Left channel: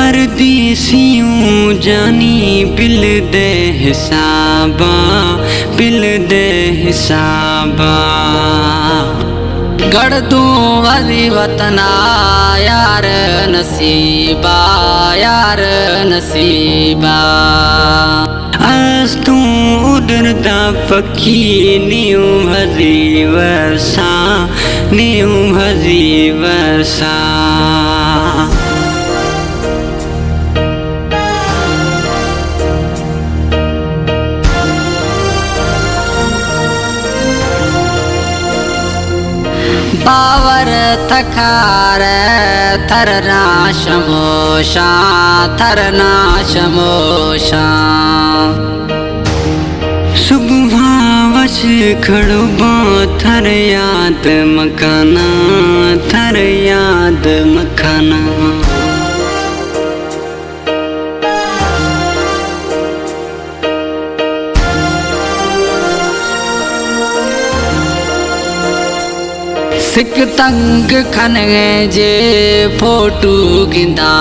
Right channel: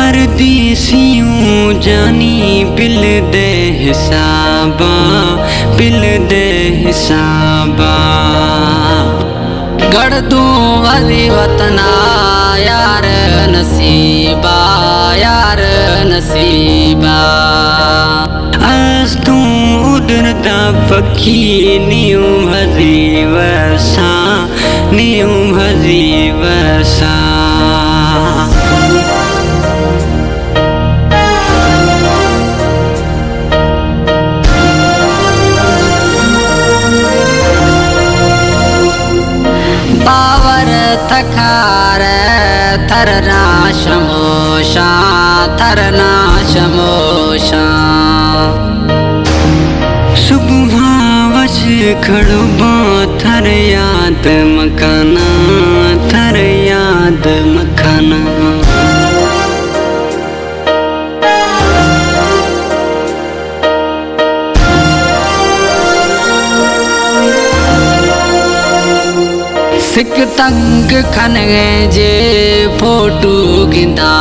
परदेसियों जानी बिल दे हिसाबा, बिल दे हिसाबा। गढ़ दूं वरी वतना यार नसीबा, यार नसीबा। आज तू उड़दा पखी न्यू भजी वसा, न्यू भजी वसा। बावर थकार थरना शमोशा, थरना शमोशा। सुबह वश खड़ो बा थर याद मकाना, थर याद मकाना। सिक तंग खनगे जे फोटू गिंदा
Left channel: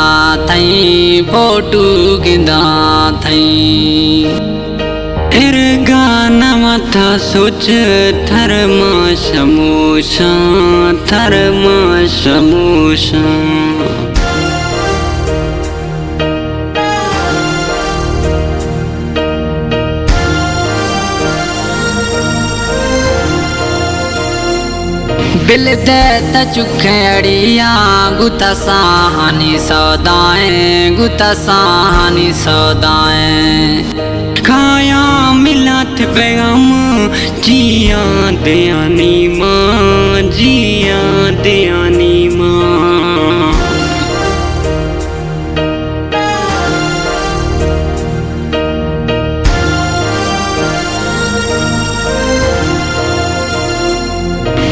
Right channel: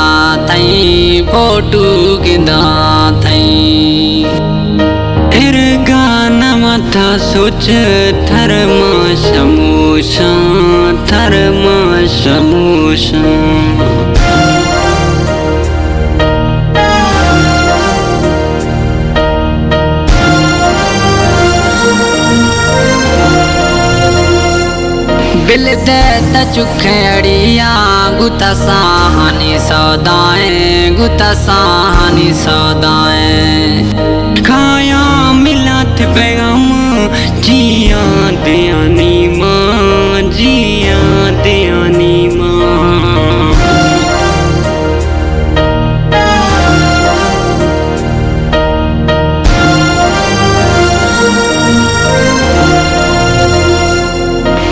थई, फोटू गिंदा थई। फिर गाना मथा सोच थर मां समोसा, थर मां समोसा। बिल दे त चुखड़िया गुता साहनी सौदाएं, गुता साहनी सौदाएं। खाया मिलात पैगाम जिया दयानी माँ, जिया दयानी माँ।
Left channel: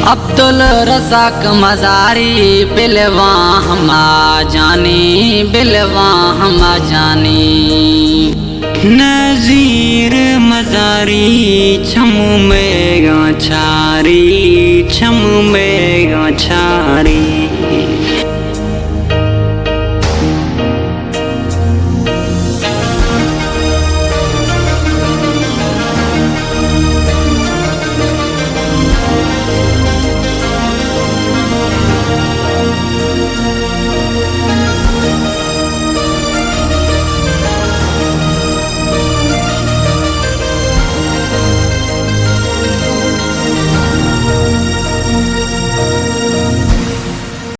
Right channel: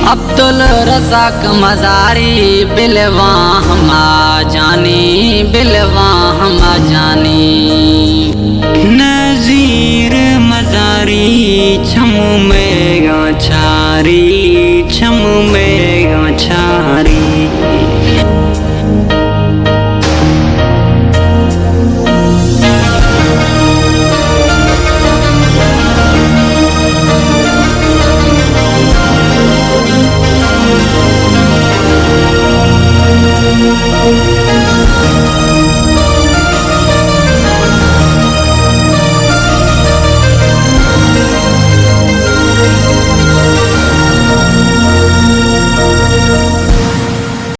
अब्दुल रज़ाक मज़ारी बिलवा हमा जानी, बिलवा हमा जानी। नज़ीर मज़ारी छमू में गाछारी, छमू में गाछारी।